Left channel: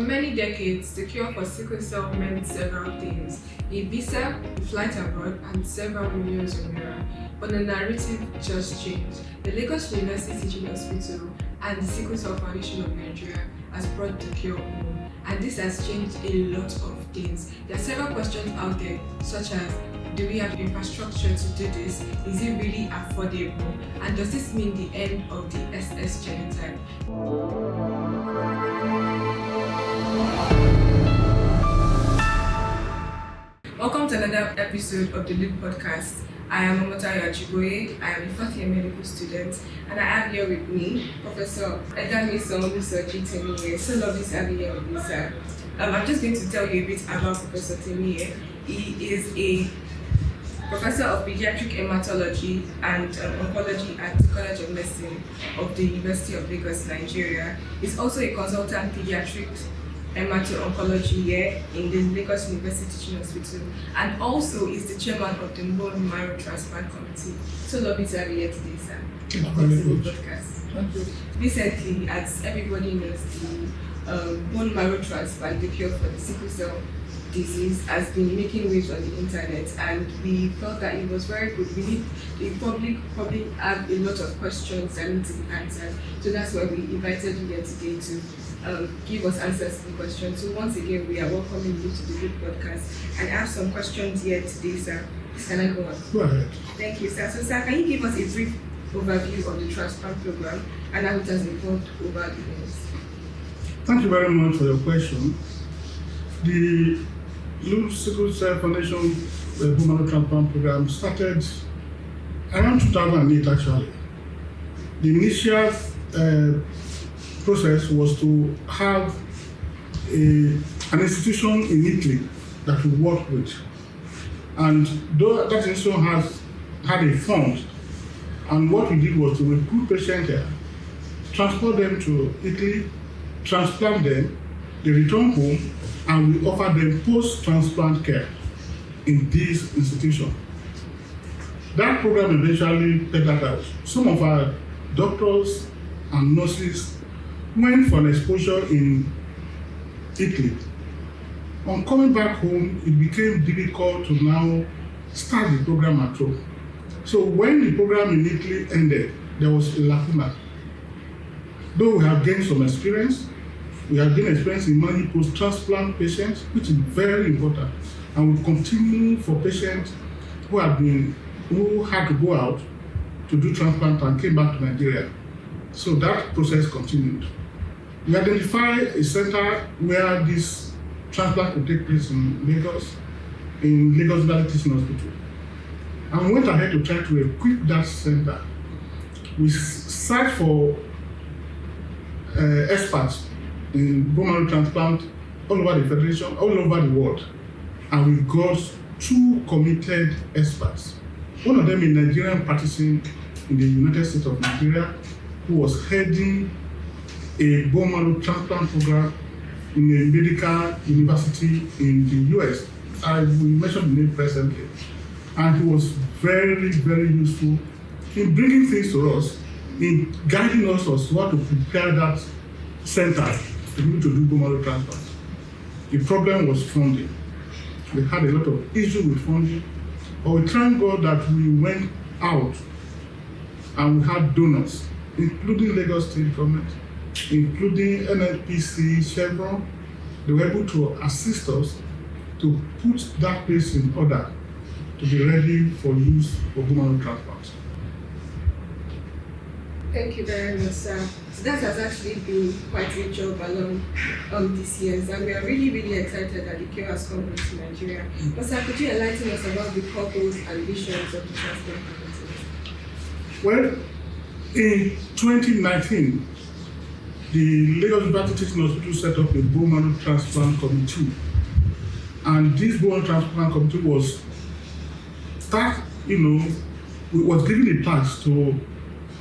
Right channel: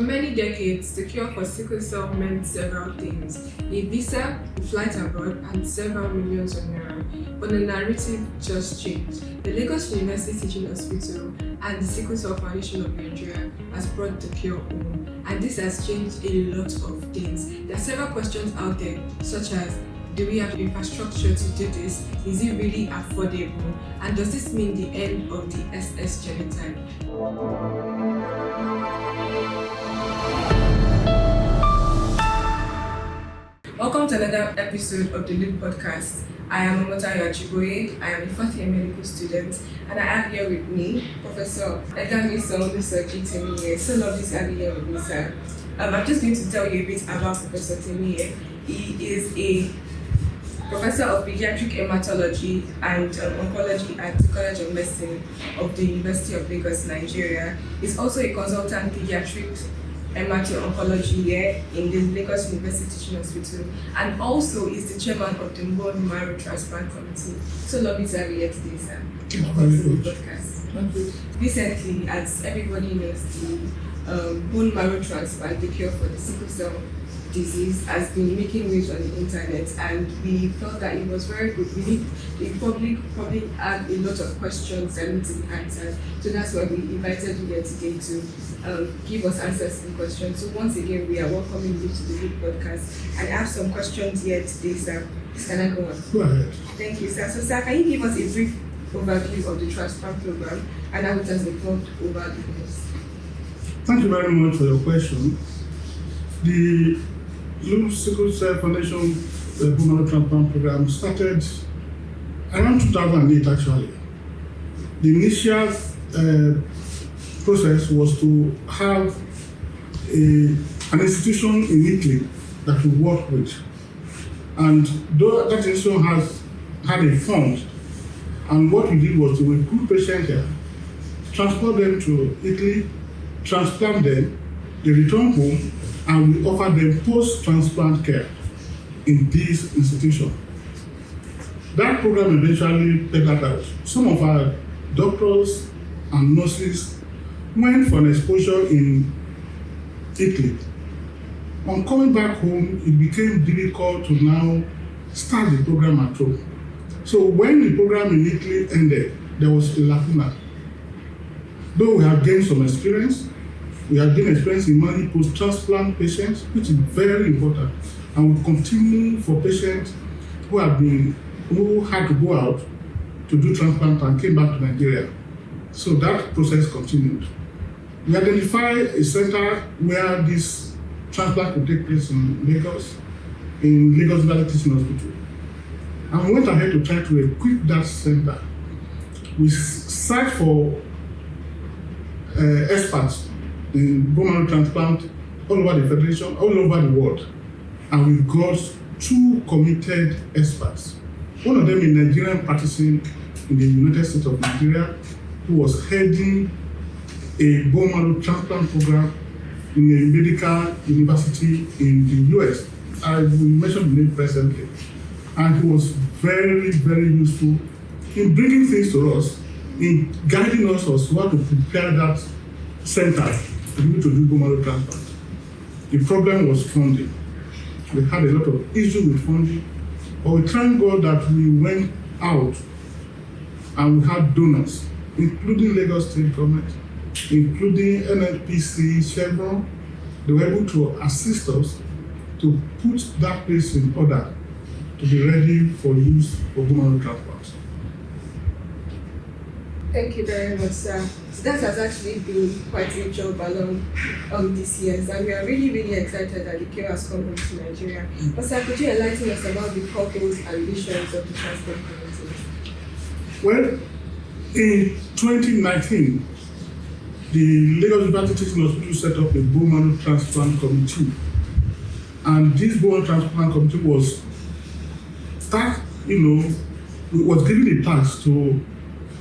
For many decades, the cure for sickle cell meant several things: a visa, a flight abroad, and several millions of naira. But the narrative just changed. The Lagos University Teaching Hospital and the Sickle Cell Foundation of Nigeria has brought the cure home, and this has changed a lot of things. There are several questions out there, such as: do we have the infrastructure to do this? Is it really affordable? And does this mean the end of the SS genotype? Welcome to another episode of the LUTH Podcast. I am Adeseye. I am a fourth year medical student, and I have here with me Professor Edamisan Olusoji Temiye. So lovely to have you here with me, sir. I'm just going to tell you a bit about Professor Temiye. He is a Professor of Pediatric Hematology and Oncology at the College of Medicine of the University of Lagos, Nigeria. He's also a consultant pediatric hemato-oncology here in the Lagos University Teaching Hospital, and also is the chairman of the Bone Marrow Transplant Committee. So lovely to have you here today, sir. Thank you. Recently, as everybody knows, the bone marrow transplant, the cure for the sickle cell disease, has been making waves on the internet, and we felt that it was very good. The public probably have a lot of questions that need to be answered, so that's why we invited you here today to give us answers to the questions. So once again, we are welcoming you to the LUTH Podcast, and I have some questions here today, sir. Can I go on? Go ahead. Thank you, sir. So, sir, can you give us a brief overview of the transplant program, and how it has evolved over the years? Thank you very much for your question. The LUTH Sickle Cell Foundation Bone Marrow Transplant Program started around 2008 actually. The initial process was to have an institution in Italy that we work with. And though that institution had a fund, and what we did was to recruit patients here, transport them to Italy, transplant them, they return home, and we offer them post-transplant care in this institution. That program eventually petered out. Some of our doctors and nurses went for an exposure in Italy. On coming back home, it became difficult to now start the program at home. So when the program in Italy ended, there was a lacuna. Though we have gained some experience, we have gained experience in managing post-transplant patients, which is very important, and we continue for patients who had to go out to do transplant and came back to Nigeria. So that process continued. We identified a center where this transplant could take place in Lagos Valley Teaching Hospital. And we went ahead to try to equip that center. We searched for experts in bone marrow transplant all over the federation, all over the world. And we got 2 committed experts. One of them a Nigerian practicing in the United States of Nigeria, who was heading a bone marrow transplant program in a medical university in the US. I will mention the name presently. And he was very, very useful in bringing things to us, in guiding us on how to prepare that center to be able to do bone marrow transplant. The problem was funding. We had a lot of issues with funding, but we thank God that we went out and we had donors, including Lagos State Government, including NLPC, Chevron. They were able to assist us to put that place in order to be ready for use for bone marrow transplant. Thank you very much, sir. So that has actually been quite a job along this year, and we are really, really excited that the cure has come into Nigeria. But sir, could you enlighten us about the purpose and visions of the Transplant Committee? Well, in 2019, the Lagos University Teaching Hospital set up a Bone Marrow Transplant Committee. And this Bone Marrow Transplant Committee was given a task to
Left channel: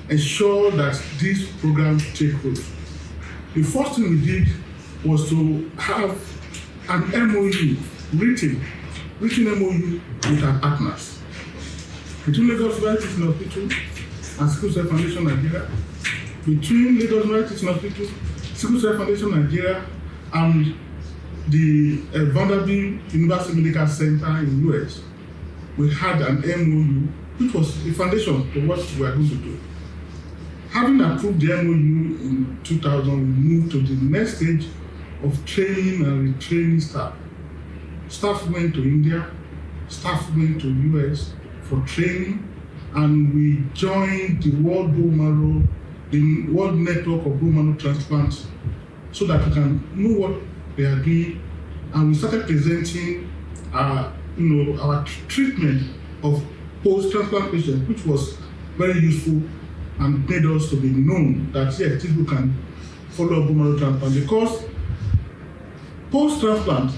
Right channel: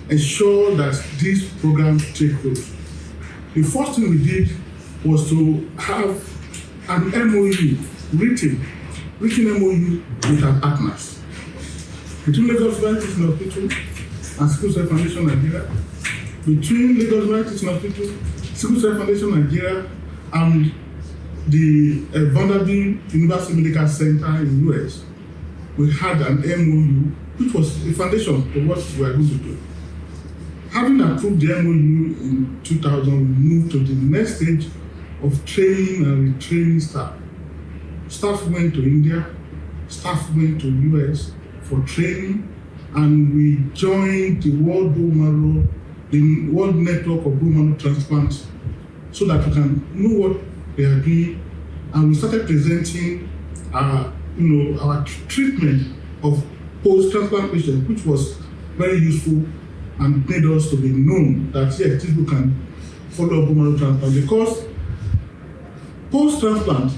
ensure that this program take root. The first thing we did was to have an MOU, written MOU with our partners. Between Lagos University Teaching Hospital and Sickle Cell Foundation Nigeria, between Lagos University Teaching Hospital, Sickle Cell Foundation Nigeria, and the Vanderbilt University Medical Center in US, we had an MOU, which was a foundation for what we are going to do. Having approved the MOU in 2000, we moved to the next stage of training and retraining staff. Staff went to India, staff went to US for training, and we joined the World Network of Bone Marrow Transplants so that we can know what they are doing, and we started presenting our treatment of post-transplant patients, which was very useful and made us to be known that yes, people can follow bone marrow transplant, because post-transplant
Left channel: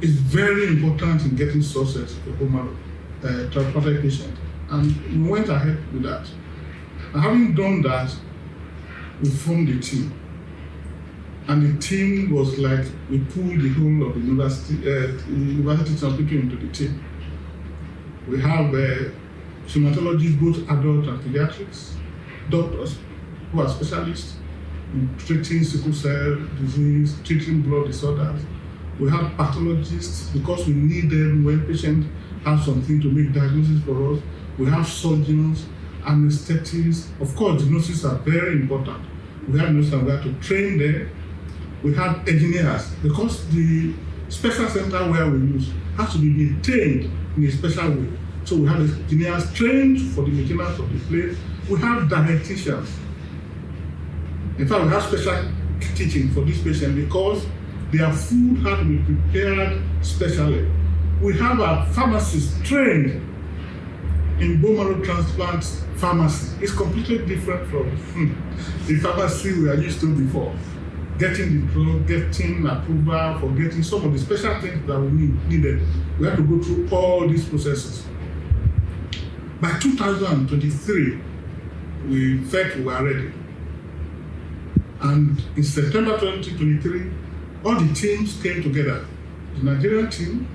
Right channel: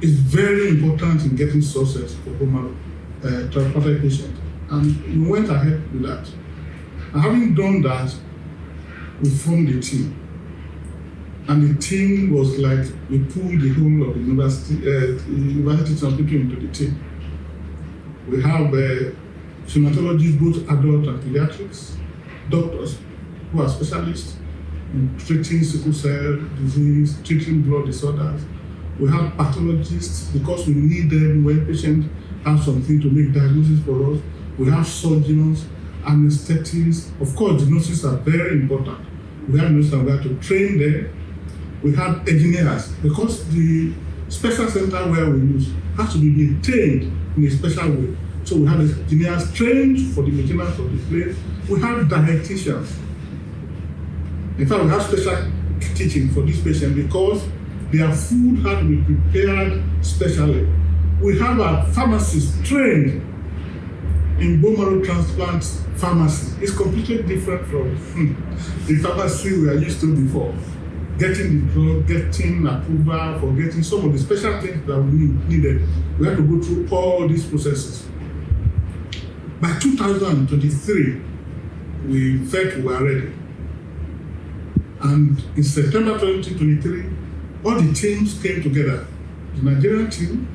is very important in getting success for bone marrow transplanted patients, and we went ahead with that. And having done that, we formed a team. And the team was like, we pulled the whole of the university some people into the team. We have hematologists, both adult and pediatrics, doctors who are specialists in treating sickle cell disease, treating blood disorders. We have pathologists because we need them when patients have something to make diagnosis for us. We have surgeons, anesthetists. Of course, the nurses are very important. We have nurses and we have to train them. We have engineers, because the special center where we use has to be maintained in a special way. So we have engineers trained for the maintenance of the place. We have dietitians. In fact, we have special teaching for this patient because their food had to be prepared specially. We have a pharmacist trained in bone marrow transplant pharmacy. It's completely different from the pharmacy we are used to before. Getting the drug, getting approval, for getting some of the special things that we needed. We had to go through all these processes. By 2023, we felt we were ready. And in September 2023, all the teams came together. The Nigerian team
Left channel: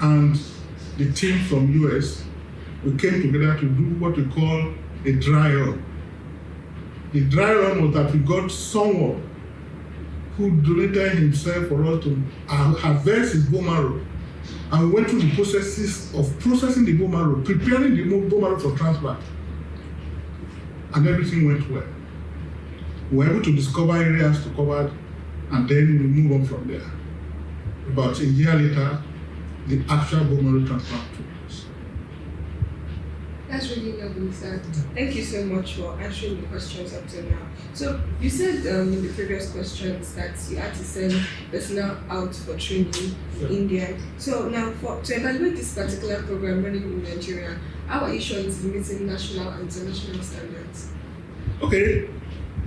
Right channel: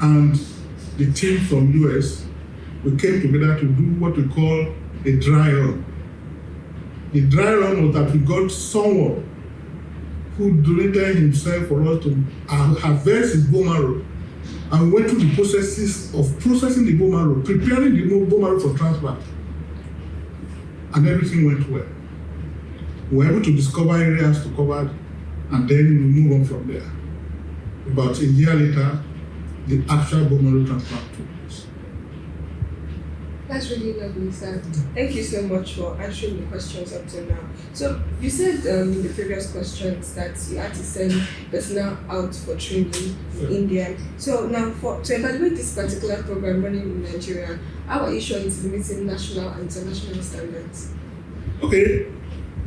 and the team from US, we came together to do what we call a dry run. The dry run was that we got someone who donated himself for us to harvest his bone marrow, and we went through the processes of processing the bone marrow, preparing the bone marrow for transplant, and everything went well. We were able to discover areas to cover, and then we move on from there. About a year later, the actual bone marrow transplant took place. That's really lovely, sir. Thank you so much for answering the questions up to now. So you said in the previous questions that you had to send personnel out for training in India. So now to evaluate this particular program running in Nigeria, how are you sure it's meeting national and international standards? Okay,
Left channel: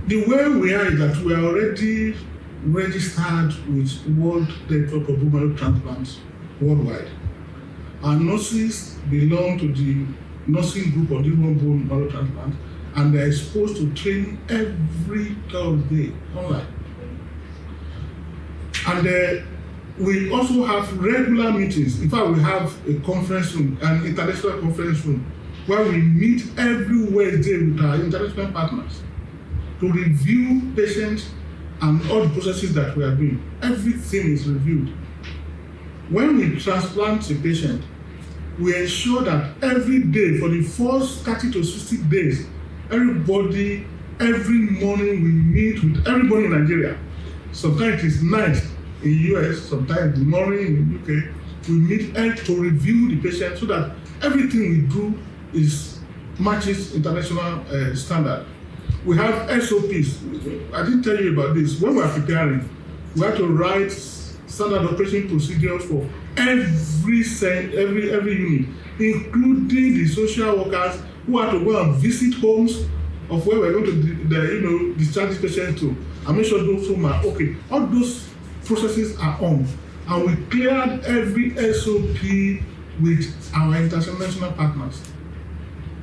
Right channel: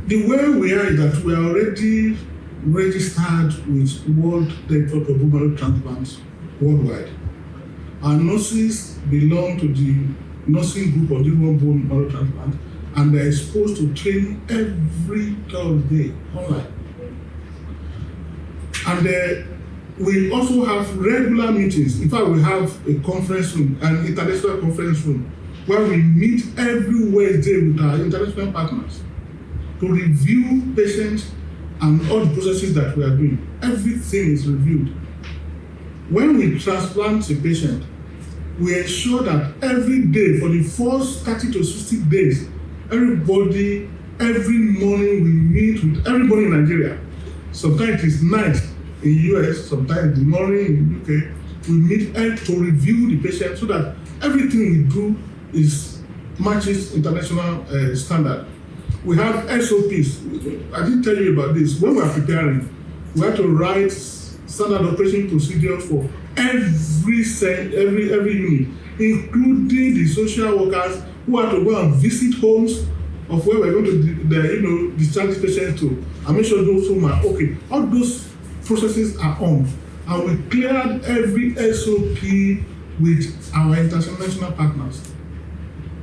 the way we are is that we are already registered with World Network of Bone Marrow Transplants worldwide. Our nurses belong to the nursing group of the bone marrow transplant, and they're exposed to training every Thursday online. And we also have regular meetings. In fact, we have a conference room, an international conference room, where we meet every Wednesday with our international partners to review patients and all the processes that we are doing. Everything is reviewed. When we transplant a patient, we ensure that every day for the first 30 to 60 days, every morning we meet with everybody in Nigeria. Sometimes it's night in US, sometimes the morning in UK. We meet to review the patient so that everything we do matches international standard. We have SOPs. I didn't tell you about this. When we are preparing, we have to write standard operation procedures for every unit, including the social workers who have to go and visit homes of where we're going to discharge patients to, and make sure those homes are okay. All those processes are on, and we cleared every SOP with our international partners.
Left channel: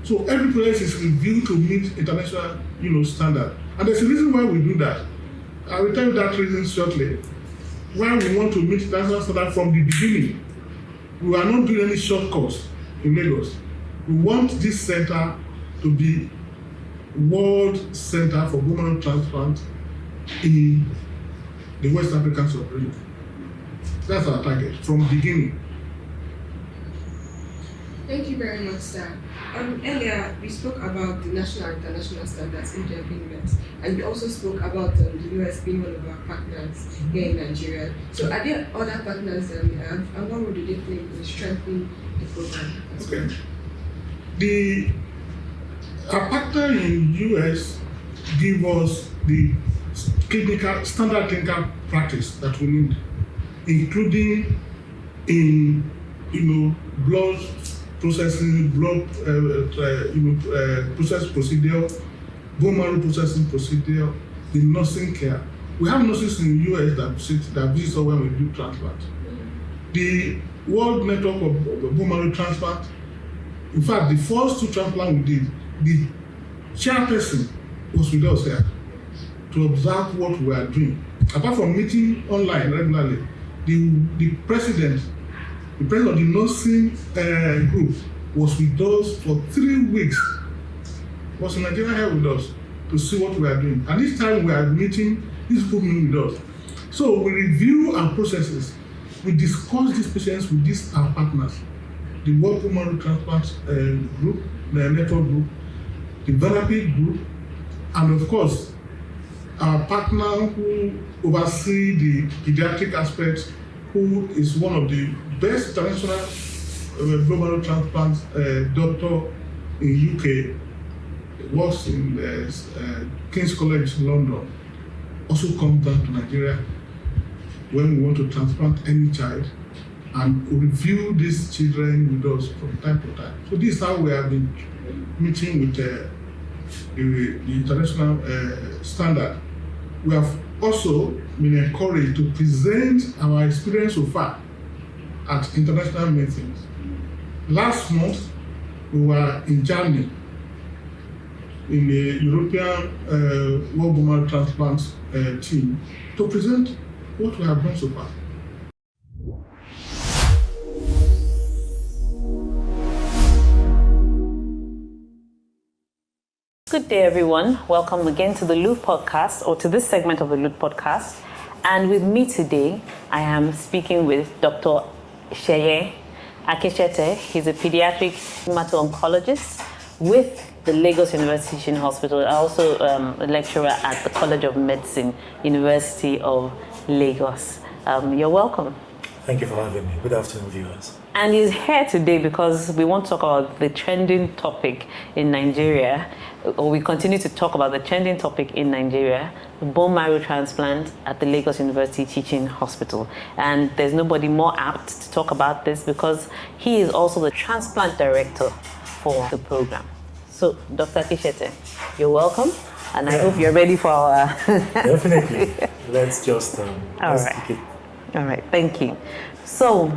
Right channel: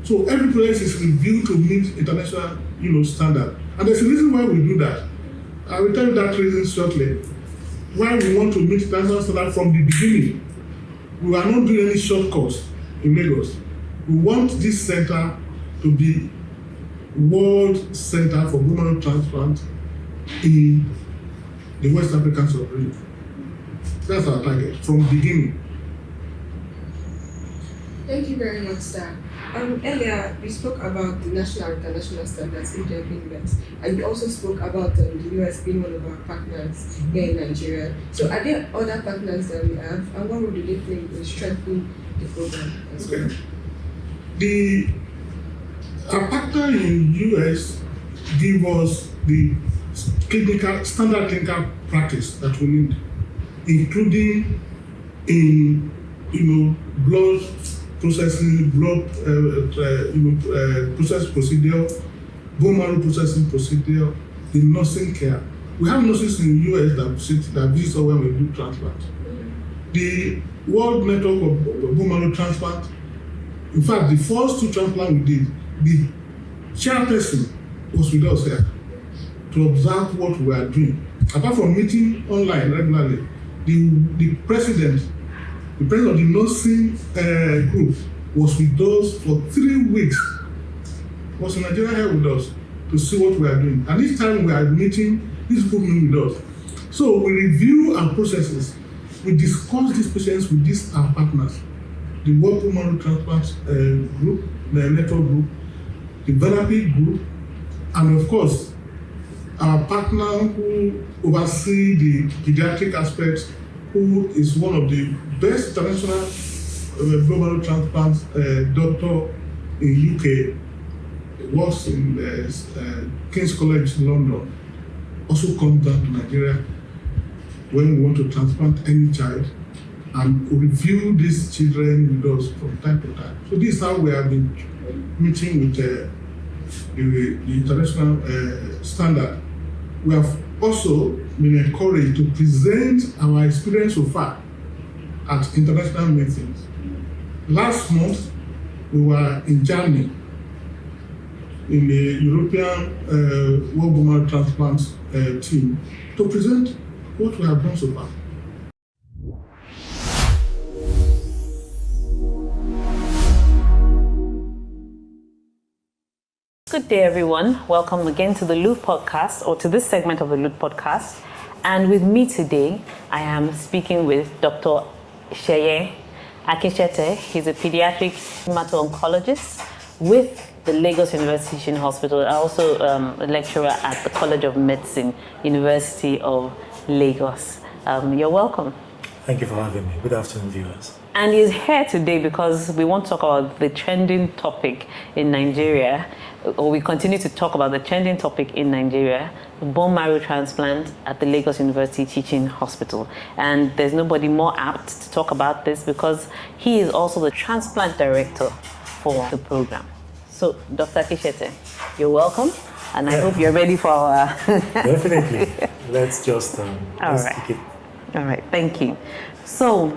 So every process is reviewed to meet international standard. And there's a reason why we do that. I will tell you that reason shortly. Why we want to meet international standard from the beginning. We are not doing any shortcuts in Lagos. We want this center to be World Center for Bone Marrow Transplant in the West African sub-region. That's our target from beginning. Thank you very much, sir. Earlier, we spoke about the national and international standards in their being met, and we also spoke about the US being one of our partners here in Nigeria. So, are there other partners that we have, and what role do they play in strengthening the program as well? Our partner in US give us the standard clinical practice that we need, including in blood processing, process procedure, bone marrow processing procedure, the nursing care. We have nurses in the US that visit us when we do transplant. The World Network of Bone Marrow Transplant, in fact, the first 2 transplants we did, the chairperson was with us here to observe what we are doing. Apart from meeting online regularly, the president of the nursing group was with us for 3 weeks. Was in Nigeria here with us to see what we are doing. And each time we are meeting, these people meet with us. So we review our processes. We discuss these patients with these our partners, the World Bone Marrow Transplant Group, the network group, the therapy group, and of course, our partner who oversee the pediatric aspects, who is one of the best international bone marrow transplant doctor in UK, works in King's College London, also comes down to Nigeria when we want to transplant any child and review these children with us from time to time. So this is how we have been meeting with the international standard. We have also been encouraged to present our experience so far at international meetings. Last month, we were in Germany in the European World Bone Marrow Transplant team to present what we have done so far. Good day, everyone. Welcome again to the LUTH Podcast, or to this segment of the LUTH Podcast. And with me today, I am speaking with Dr. Adeseye Akinsete. She's a pediatric hemato-oncologist with the Lagos University Teaching Hospital, also a lecturer at the College of Medicine, University of Lagos. You're welcome. Thank you for having me. Good afternoon, viewers. And he's here today because we want to talk about the trending topic in Nigeria, or we continue to talk about the trending topic in Nigeria, bone marrow transplant at the Lagos University Teaching Hospital. And there's nobody more apt to talk about this because he is also the transplant director for the program. So, Dr. Akinsete, you're welcome, and I hope you're ready for our... Definitely. Let's just let's begin. All right, thank you. So,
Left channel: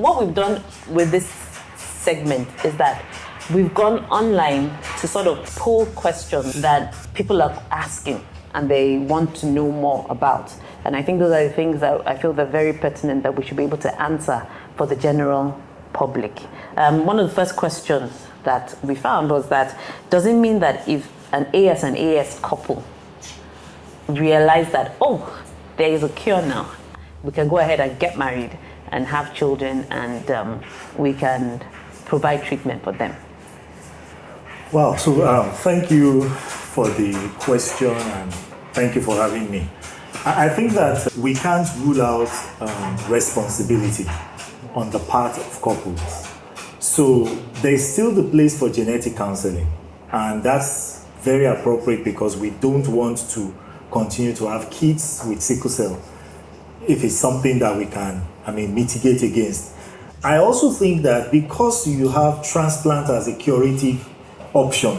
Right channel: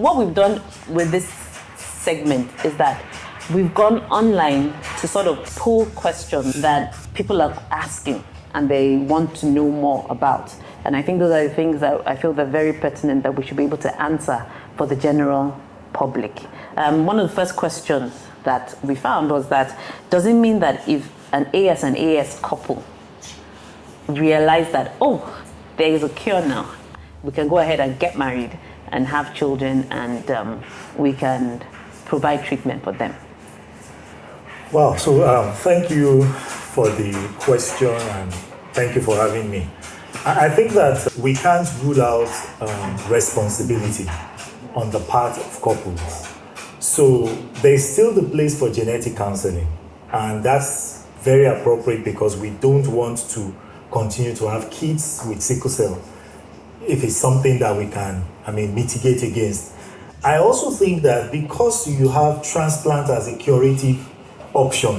what we've done with this segment is that we've gone online to sort of pull questions that people are asking and they want to know more about. And I think those are the things that I feel are very pertinent that we should be able to answer for the general public. One of the first questions that we found was that, does it mean that if an AS couple realize that, oh, there is a cure now, we can go ahead and get married and have children, and we can provide treatment for them? Wow, so thank you for the question and thank you for having me. I think that we can't rule out responsibility on the part of couples. So there's still the place for genetic counseling, and that's very appropriate because we don't want to continue to have kids with sickle cell if it's something that we can, mitigate against. I also think that because you have transplant as a curative option,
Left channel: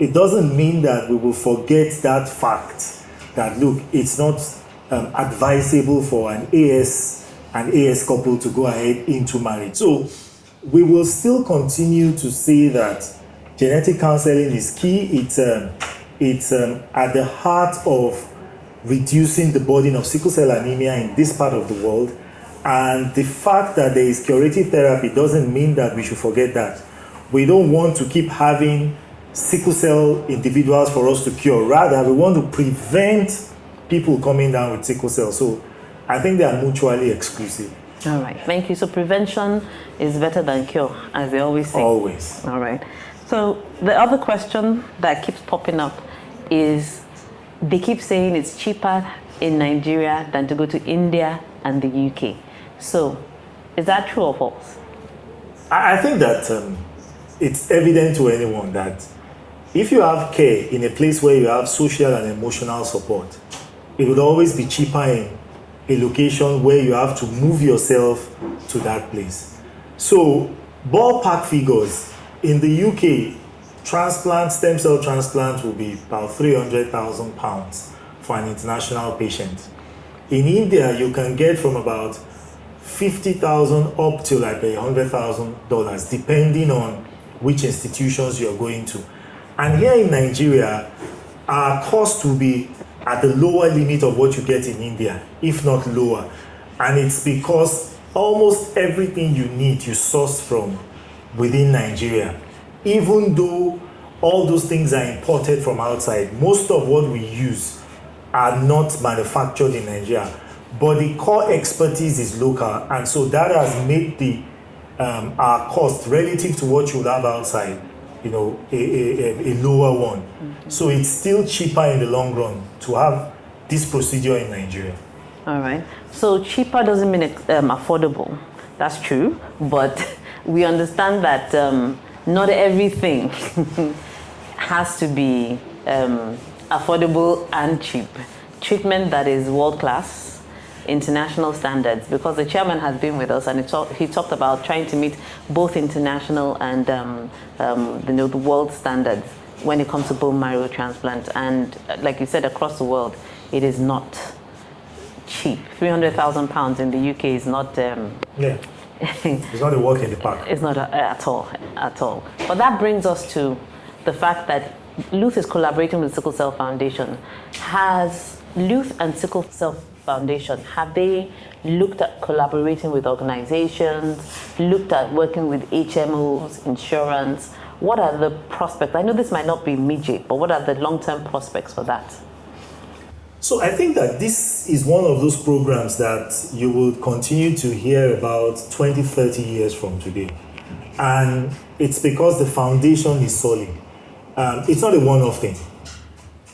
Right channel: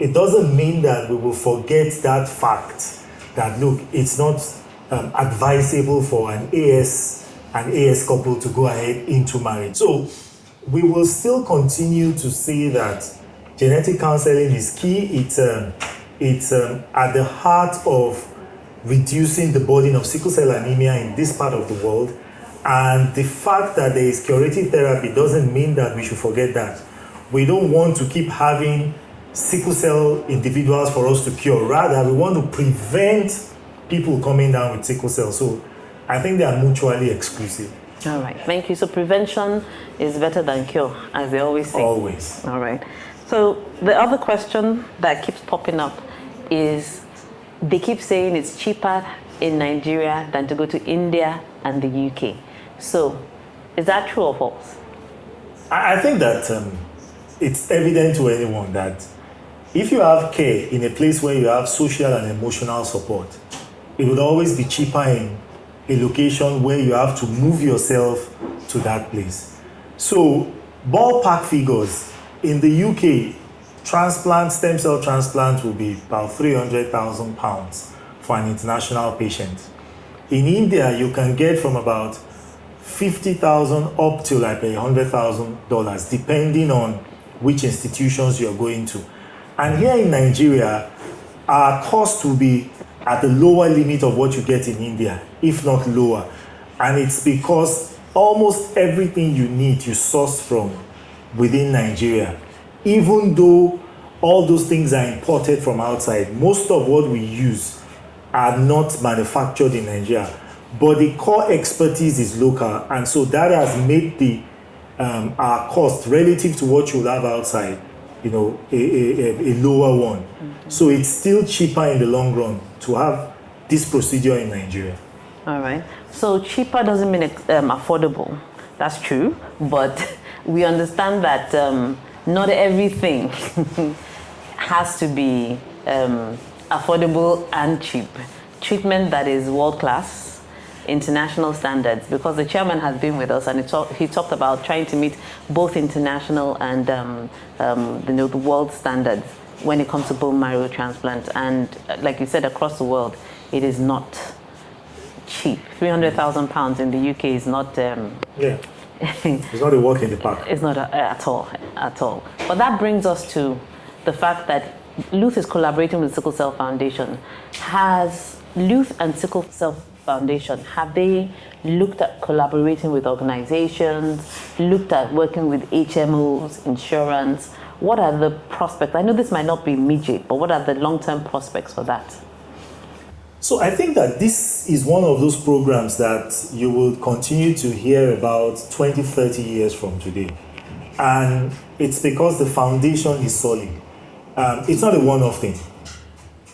it doesn't mean that we will forget that fact that, look, it's not advisable for an AS couple to go ahead into marriage. So we will still continue to say that genetic counseling is key. It's at the heart of reducing the burden of sickle cell anemia in this part of the world. And the fact that there is curative therapy doesn't mean that we should forget that. We don't want to keep having sickle cell individuals for us to cure. Rather, we want to prevent people coming down with sickle cell. So I think they are mutually exclusive. Thank you. So prevention is better than cure, as they always say. Always. All right. So the other question that keeps popping up is they keep saying it's cheaper in Nigeria than to go to India and the UK. So is that true or false? I think that it's evident to anyone that if you have care in a place where you have social and emotional support, it would always be cheaper in a location where you have to move yourself to that place. So, ballpark figures, in the UK, stem cell transplant will be about £300,000 for an international patient. In India, you can get from about $50,000 up to like $100,000, depending on which institutions you're going to. And here in Nigeria, our cost will be at the lower limit of what you get in India, if not lower. And it's because almost everything you need you source from within Nigeria. Even though all those things are imported from outside, most of what we use are not manufactured in Nigeria. But the core expertise is local, and so that has made the our cost relative to what you would have outside, a lower one. So it's still cheaper in the long run to have this procedure in Nigeria. All right. So cheaper doesn't mean it's affordable. That's true. But we understand that not everything has to be affordable and cheap. Treatment that is world class, international standards. Because the chairman has been with us and he talked about trying to meet both international and world standards when it comes to bone marrow transplant. And like you said, across the world, it is not cheap. £300,000 in the UK is not. It's not a walk in the park. It's not at all. But that brings us to the fact that LUTH is collaborating with Sickle Cell Foundation. Has LUTH and Sickle Cell Foundation, have they looked at collaborating with organizations, looked at working with HMOs, insurance? What are the prospects? I know this might not be immediate, but what are the long-term prospects for that? So I think that this is one of those programs that you will continue to hear about 20, 30 years from today. And it's because the foundation is solid. It's not a one-off thing.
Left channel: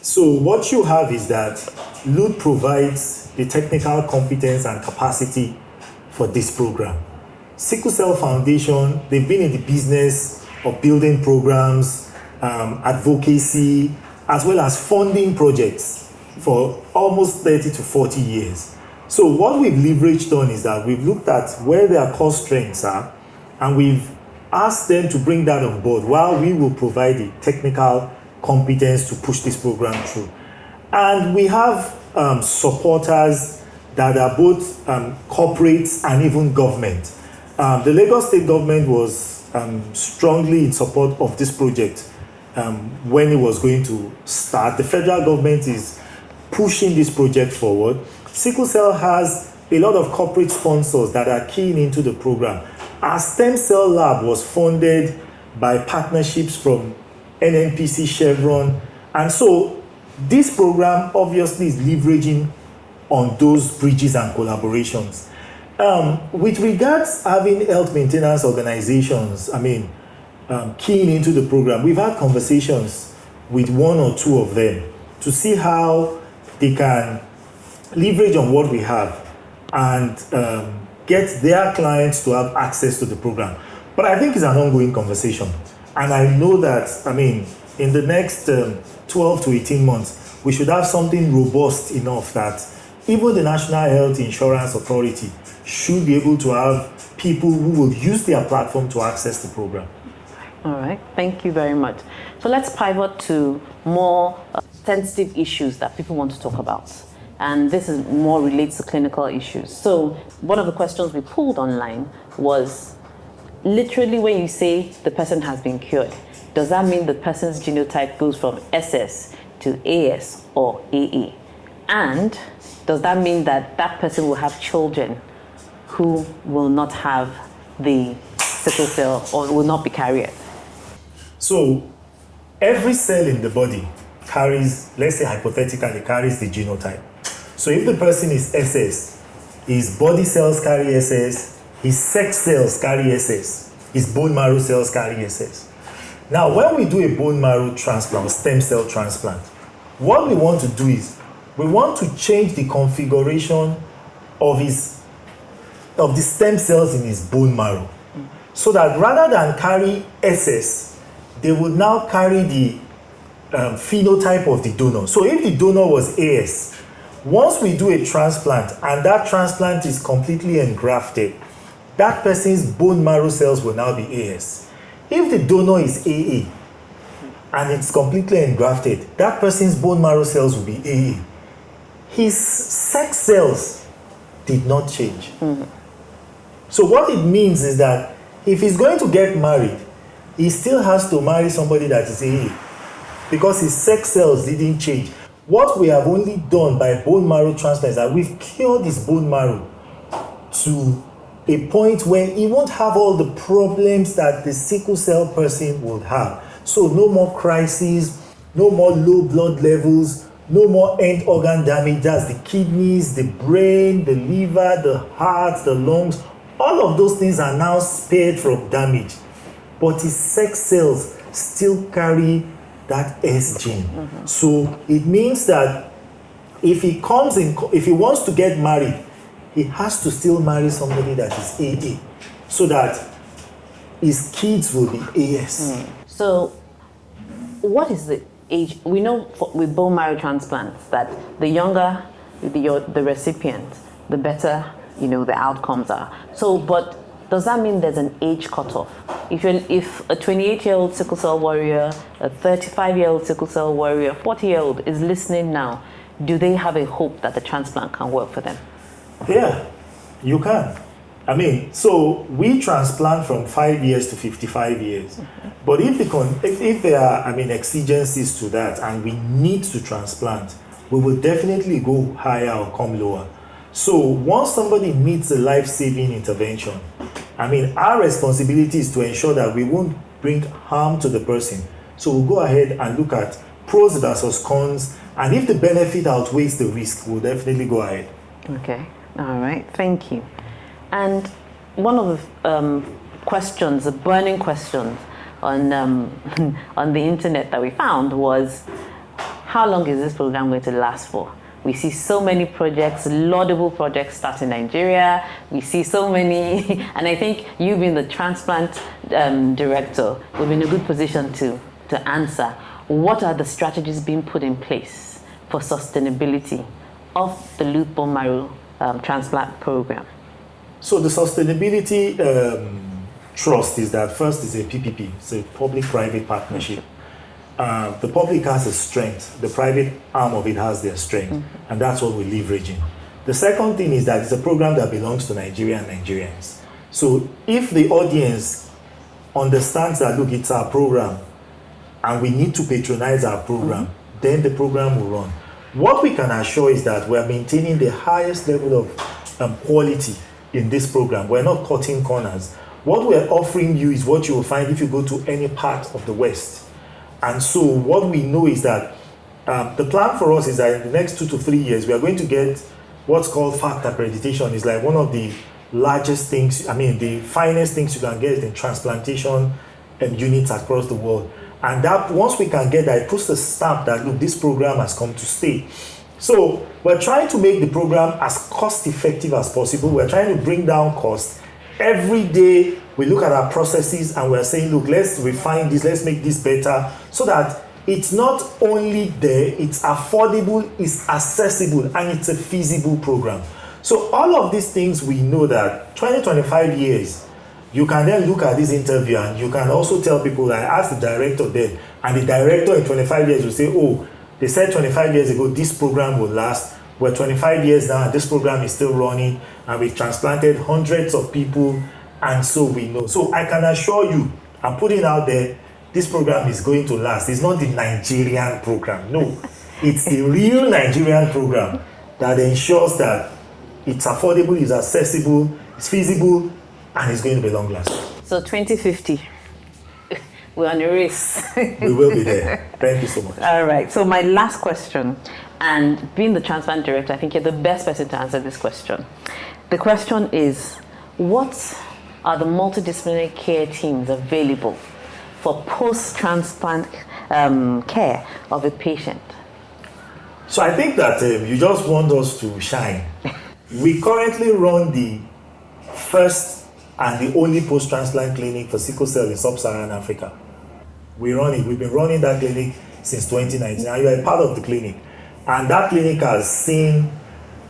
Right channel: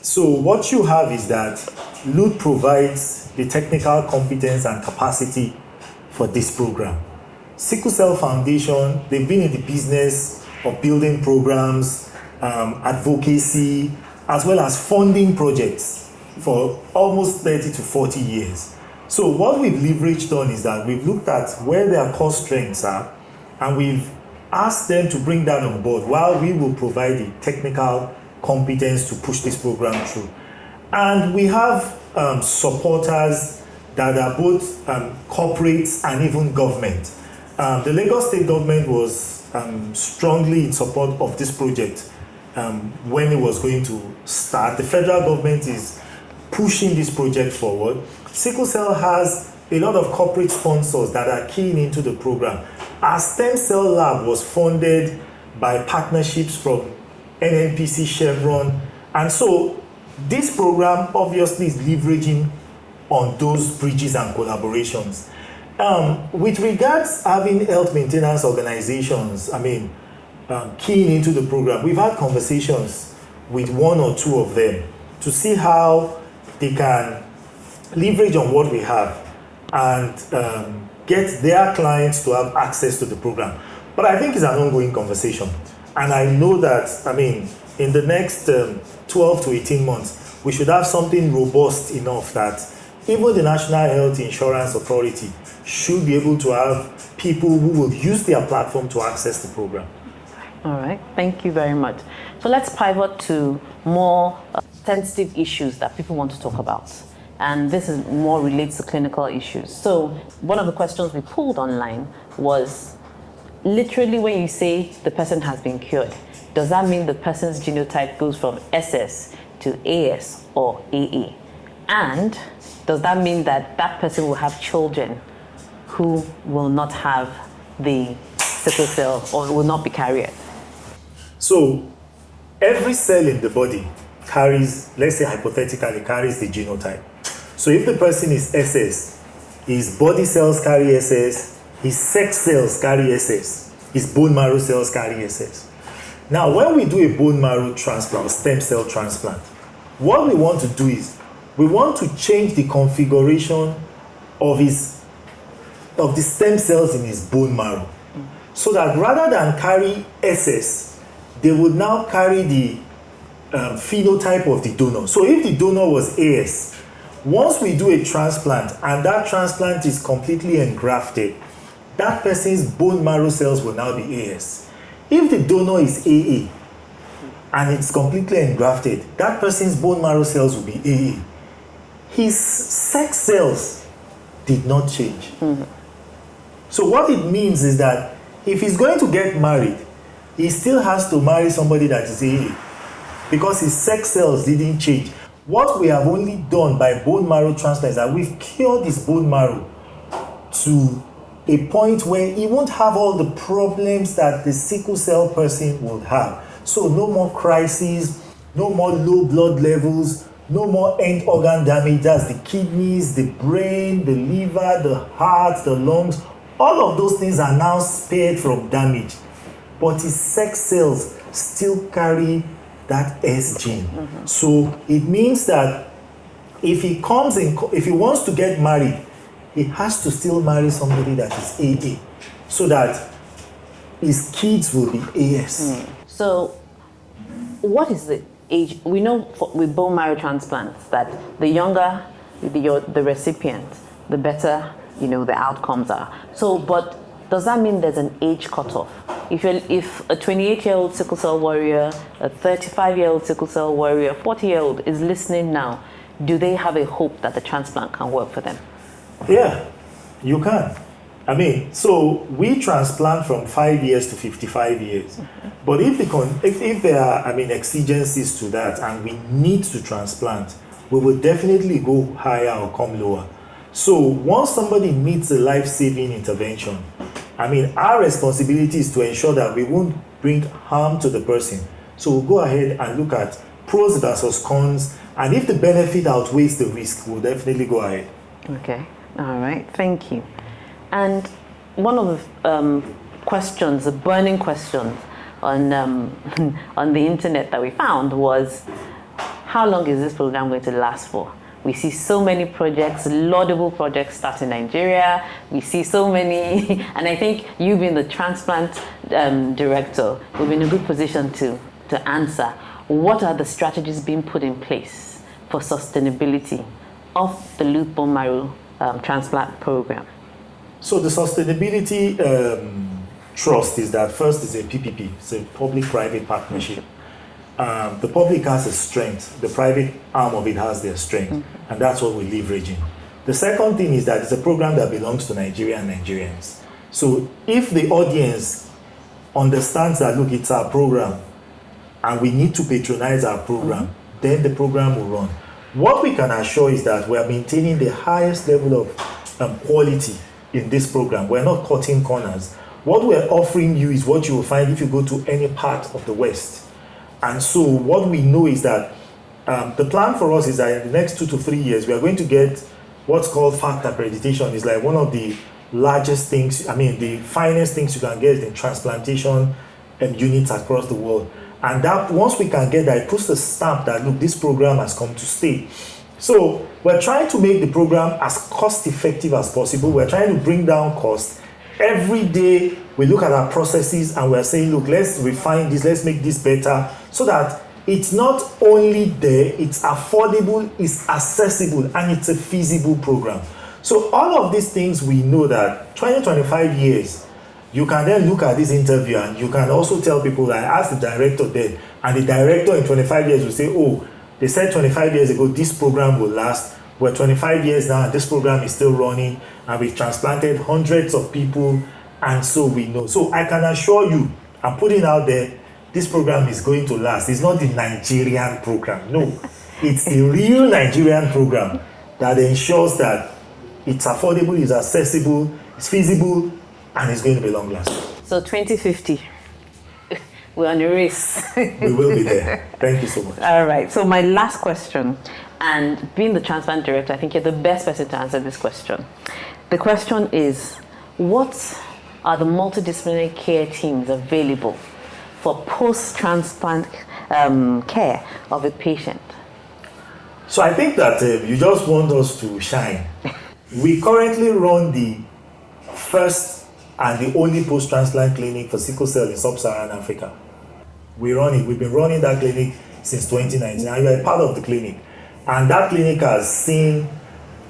So what you have is that LUTH provides the technical competence and capacity for this program. Sickle Cell Foundation, they've been in the business of building programs, advocacy, as well as funding projects for almost 30 to 40 years. So what we've leveraged on is that we've looked at where their core strengths are, and we've asked them to bring that on board while we will provide the technical competence to push this program through. And we have supporters that are both corporates and even government. The Lagos State government was strongly in support of this project when it was going to start. The federal government is pushing this project forward. Sickle Cell has a lot of corporate sponsors that are keying into the program. Our stem cell lab was funded by partnerships from NNPC, Chevron, and so this program obviously is leveraging on those bridges and collaborations. With regards having health maintenance organizations, keying into the program, we've had conversations with one or two of them to see how they can leverage on what we have and get their clients to have access to the program. But I think it's an ongoing conversation. And I know that, in the next 12 to 18 months, we should have something robust enough that even the National Health Insurance Authority should be able to have people who will use their platform to access the program. Thank you very much. So let's pivot to more sensitive issues that people want to talk about. And this is more related to clinical issues. So one of the questions we pulled online was, literally when you say the person has been cured, does that mean the person's genotype goes from SS to AS or AE? And does that mean that that person will have children who will not have the sickle cell or will not be carriers? So every cell in the body carries, let's say hypothetically, carries the genotype. So if the person is SS, his body cells carry SS, his sex cells carry SS, his bone marrow cells carry SS. Now, when we do a bone marrow transplant, stem cell transplant, what we want to do is we want to change the configuration of the stem cells in his bone marrow, so that rather than carry SS, they would now carry the phenotype of the donor. So if the donor was AS, once we do a transplant and that transplant is completely engrafted, that person's bone marrow cells will now be AS. If the donor is AA and it's completely engrafted, that person's bone marrow cells will be AA. His sex cells did not change. So what it means is that if he's going to get married, he still has to marry somebody that is AA, because his sex cells didn't change. What we have only done by bone marrow transplant is that we've cured his bone marrow to a point where he won't have all the problems that the sickle cell person would have. So no more crises, no more low blood levels, no more end organ damage. That's the kidneys, the brain, the liver, the heart, the lungs. All of those things are now spared from damage. But his sex cells still carry that S gene. So it means that if he wants to get married, he has to still marry somebody that is AA, so that his kids will be AS. So, what is the age? We know with bone marrow transplants that the younger the recipient, the better the outcomes are. So, but does that mean there's an age cutoff? If a 28-year-old sickle cell warrior, a 35-year-old sickle cell warrior, 40-year-old is listening now, do they have a hope that the transplant can work with them? Yeah, you can. I mean, so we transplant from 5 years to 55 years. But if there are, exigencies to that and we need to transplant, we will definitely go higher or come lower. So once somebody needs a life-saving intervention, our responsibility is to ensure that we won't bring harm to the person. So we'll go ahead and look at pros versus cons, and if the benefit outweighs the risk, we'll definitely go ahead. All right, thank you. And one of the questions, a burning question on the internet that we found was, how long is this program going to last for? We see so many projects, laudable projects start in Nigeria. We see so many, and I think you being the transplant director, you're in a good position to answer. What are the strategies being put in place for sustainability of the LUTH Bone Marrow Transplant Program? So the sustainability trust is that first is a PPP, it's a public-private partnership. The public has a strength, the private arm of it has their strength, and that's what we're leveraging. The second thing is that it's a program that belongs to Nigeria and Nigerians. So if the audience understands that, look, it's our program, and we need to patronize our program, then the program will run. What we can assure is that we are maintaining the highest level of quality in this program. We're not cutting corners. What we're offering you is what you will find if you go to any part of the West. And so what we know is that the plan for us is that in the next 2 to 3 years, we are going to get what's called FACT accreditation. It's like one of the largest things, the finest things you can get in transplantation units across the world. And that once we can get that, it puts the stamp that, look, this program has come to stay. So we're trying to make the program as cost effective as possible. We're trying to bring down costs. Every day we look at our processes and we're saying, look, let's refine this, let's make this better, so that it's not only there, it's affordable, it's accessible, and it's a feasible program. So all of these things, we know that 20-25 years, you can then look at this interview and you can also tell people that I asked the director there, and the director in 25 years will say, oh, they said 25 years ago this program will last. We're 25 years now, this program is still running, and we've transplanted hundreds of people, and so we know. So I can assure you, I'm putting out there, this program is going to last. It's not the Nigerian program. No, it's the real Nigerian program that ensures that it's affordable, it's accessible, it's feasible, and it's going to be long lasting. So 2050, we're on a race. We will be there. Thank you so much. All right. So my last question And being the transplant director, I think you're the best person to answer this question. The question is, what are the multidisciplinary care teams available for post-transplant care of a patient? So I think that you just want us to shine. We currently run the first and the only post-transplant clinic for sickle cell in sub-Saharan Africa. We run it. We've been running that clinic since 2019, and you are a part of the clinic. And that clinic has seen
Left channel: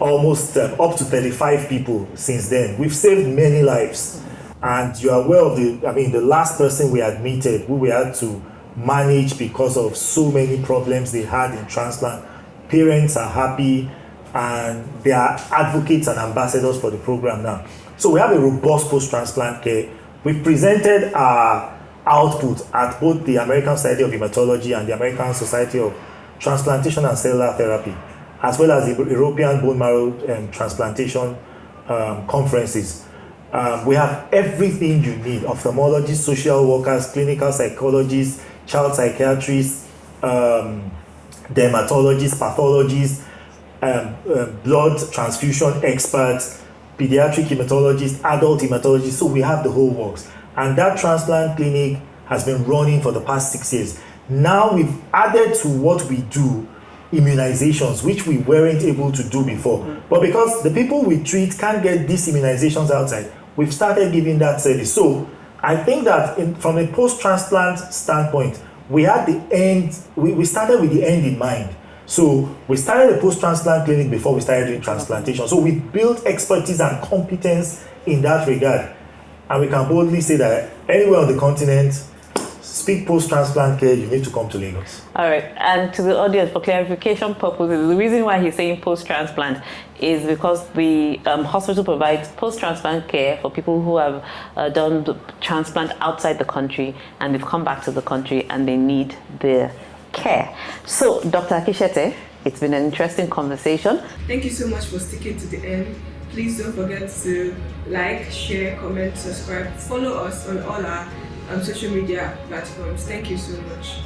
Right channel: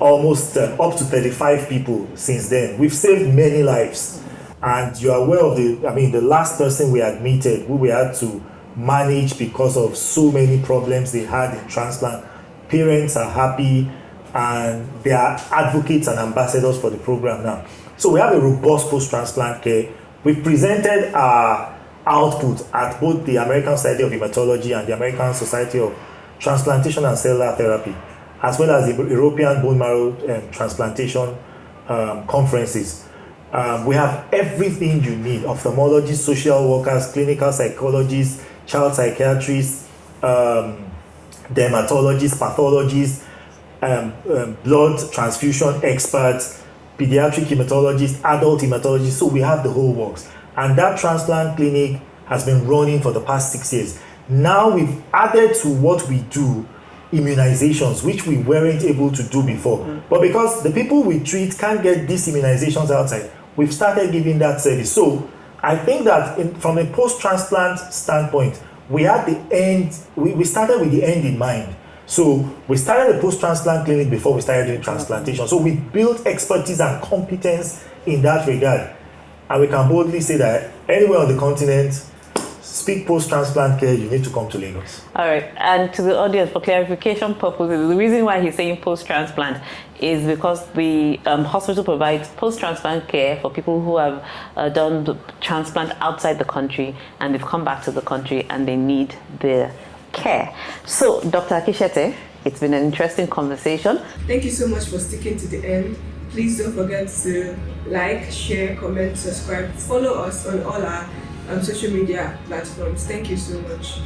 almost up to 35 people since then. We've saved many lives. And you are aware of the last person we admitted, who we had to manage because of so many problems they had in transplant. Parents are happy, and they are advocates and ambassadors for the program now. So we have a robust post-transplant care. We've presented our output at both the American Society of Hematology and the American Society of Transplantation and Cellular Therapy, as well as the European Bone Marrow Transplantation conferences. We have everything you need: ophthalmologists, social workers, clinical psychologists, child psychiatrists, dermatologists, pathologists, blood transfusion experts, pediatric hematologists, adult hematologists. So we have the whole works. And that transplant clinic has been running for the past 6 years. Now we've added to what we do immunizations, which we weren't able to do before. But because the people we treat can't get these immunizations outside, we've started giving that service. So I think that from a post-transplant standpoint, we had the end, we started with the end in mind. So we started a post-transplant clinic before we started doing transplantation. So we built expertise and competence in that regard. And we can boldly say that anywhere on the continent, speak post-transplant care, you need to come to Lagos. All right, and to the audience, for clarification purposes, the reason why he's saying post-transplant is because the hospital provides post-transplant care for people who have done transplant outside the country and they've come back to the country and they need their care. So, Dr. Akinsete, it's been an interesting conversation. Thank you so much for sticking to the end. Please don't forget to like, share, comment, subscribe, follow us on all our social media platforms. Thank you so much.